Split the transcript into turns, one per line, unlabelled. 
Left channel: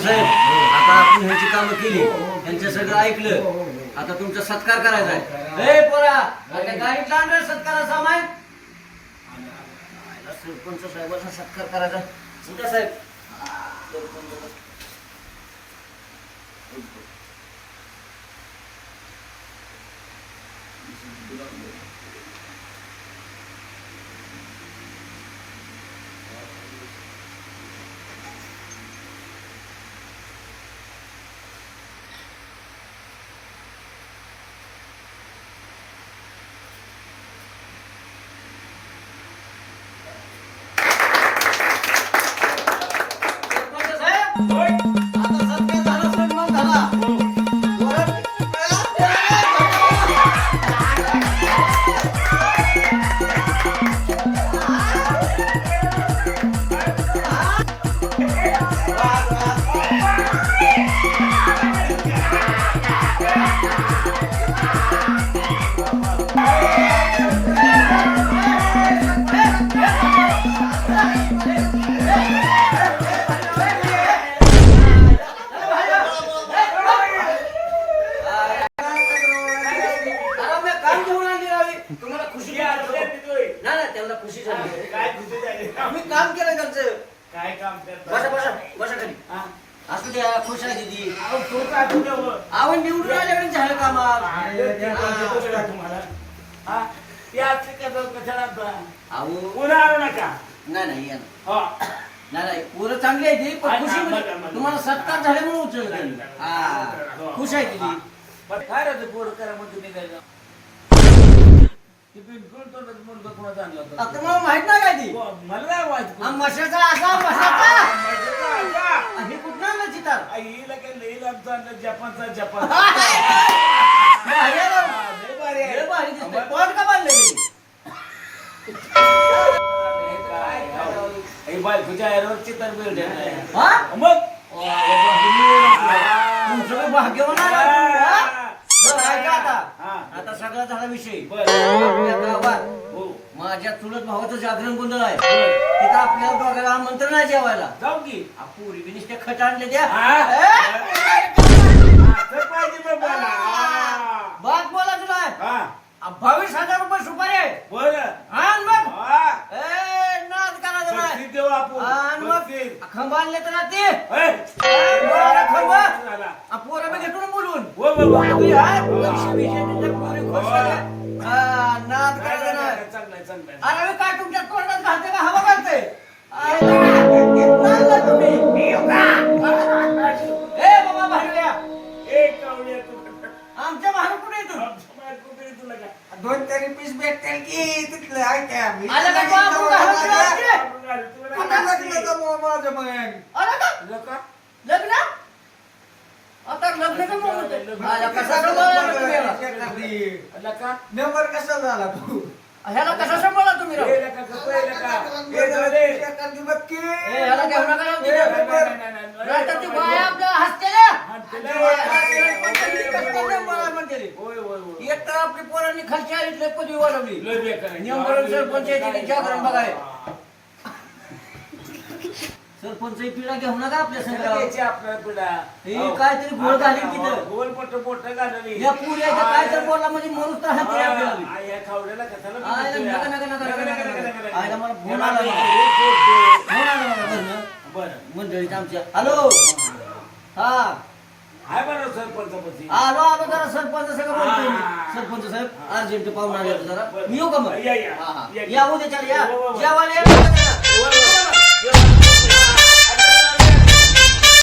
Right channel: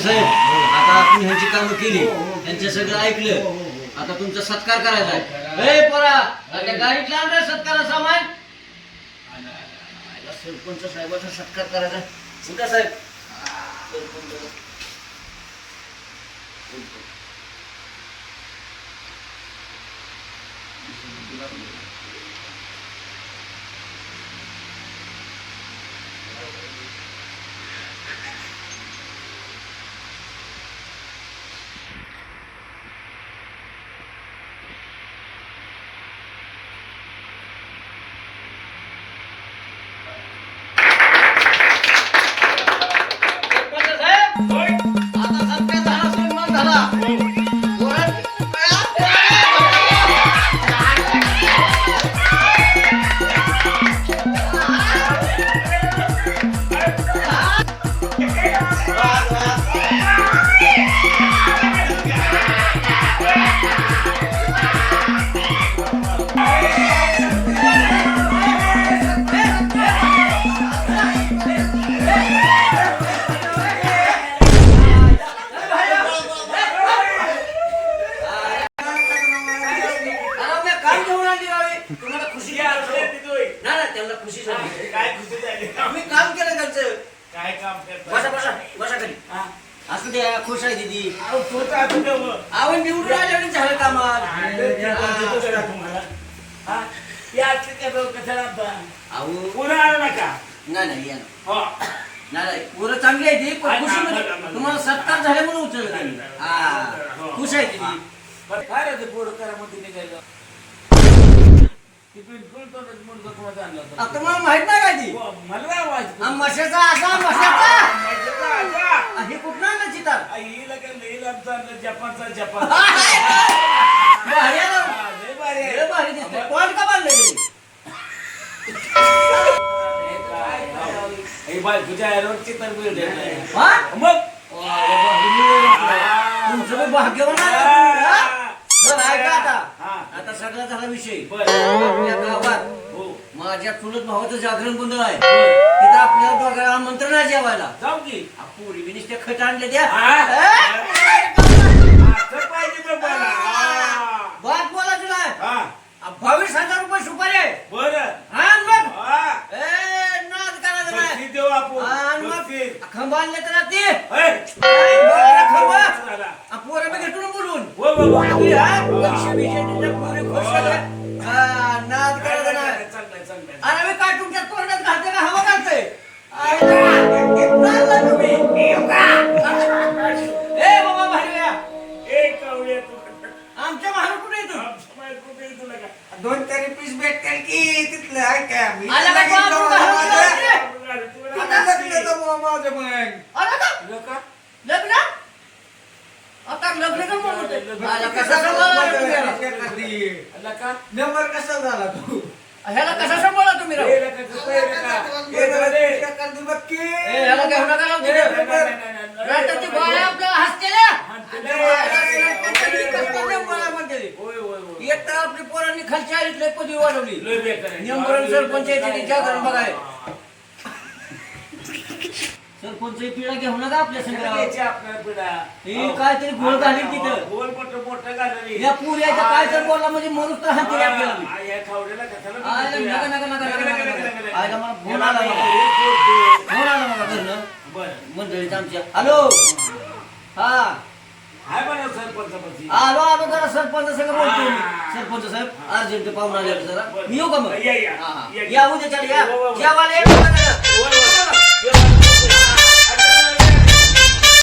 साहेब? आता आपण ह्यांची कामं केली. त्यांचं सगळं ऐकलं. आता तुमचा सत्कार करायचा आहे. ए पोरा आता गाडीतला आण रे सत्कारा सामान. सरपंच साहेबाचा सत्कार करायचा कुठं साहेब? सरपंच खुशी झाली
काय खुशी झाली
मी काम केलं त्यांचं
काय काम
बसा
करता
बसा बसा खाली
हा.
असू द्या खुश आहे दिदी
अहो, तो काय?
आवड निवडून आल्याने झालं कामात
भांडण ते कोणते दुसरं आहे तुम्हाला हा? या असलं कसं कसं राहतं?
अहो
पुन्हा आणू नका
नाही नाही या ना.
हो.
नाही नाही पोरं चांगली आहे ती पण खुशी म्हणजे. तुम्हाला सत्कार उचललं त्यांनी हा खुश आहे. ती
पण काय रे ते पोरं करामध्ये निघायचं? ते बिलकुल तो मुलगा कोणाचा आणला होता?
आता मला माहीत नाही काय ती
हो, मला काय माहीत?
हा मशाचा मशाचा? हे कुठं आणलं चितार
आ, हिला काय लई लांबचा आणला, जपानचा जपान
भारी आहे ना.
हा, लई भारी आहे.
लय भारी दिसतंय. पॉईंट का बांधलंय?
हे बाय तुझ्या नाही.
हा?
मग
तुमचं बी भाग्यवान आहे तुम्ही, हा? बरं ऐका आता
हा.
आता सगळा झाला विषय
बरं.
माझ्या चुलत भावाचं जागरण गोंधळ आहे. तिथं आपल्याला दोघांना आमंत्रण आहे जेवायला
जाऊ की
पोरी बी नुसते खट आणले द्या
हा? असं पाहिजे बे मला. हा.
बात बोला तुला
हा.
बावीस हजार रुपये सुपारी आहे
बरं.
आण
हा.
ए नाद करायचं
बक्षीस
नाही
देऊ आपण.
आण मग
बक्षीस.
खंबा आणले तर ना ते. बरं, खंबा
चला.
आ, पोरं बी घेतून बोलून
हो, हो, हो.
तुझी हा?
हा.
पैसे बिशे दिले, पोरी खुश झाल्या. हा, नाद करायचं आमच्या महार कुठे येतो
आमच्या बाहेर कुठे आहे तुला काय?
दोन तरी पीस भेटतील की तिथलं आहे का मी
आलं का बाबू घालून
तुला
कुठं
काय?
लग्न जमवा माझं मग
अरे का
तुला का?
लग्न आता लग्न का म्हणत आहे?
लग्न.
आला कसा सांभाळला रे तुम्ही याला?
एखादी
तुला का?
नंबर कसा झाला तू
ह्याला कसा सांभाळला तुम्ही राव?
ए, लका, कसं आहे, लका? ए, दादे.
एखादी बघ की
ए, ह्याला घेऊ नका राव
नाही,
तिथं.
नाही, नाही, नाही, नाही.
राहतात ती बाया आपल्याला हसतेल्या.
हा,
एक तर आपली पोरांनी खालच्या आईतले पदवी वाढवली
लय बेकार आहे.
नियमभरण सरपंच यायचे ते जागरण बघाय. सरपंच ही पिढा घेऊ नका आपल्या
पिढा.
ही. काहीतरी घालीन
हो,
तिथं.
घोळ मोठं मोठं घालून
या पुऱ्याचं काय तर बोलला म्हणजे मरूच तर हाती
हा,
आपल्याला.
हा, खावड्याला कशाला
आयला
म्हणतोय?
नका, नका, नका, नका,
नका,
नका,
नका,
नका.
नका, नका.
आयला मला फोन
याला
आला
मी
मला.
सोडतो.
फोन आला मला घरनं.
बरं.
मंडळीत आमच्या हॅलो हा
आहे म्हणा सरपंचपती
आलो आलो जरा सरपंच सगळं बोलतो. मी.
हा.
सरपंच साहेब अर्जंट पाहुणा आले होते
जरा.
मी येऊ का मग?
या, या.
हा, या,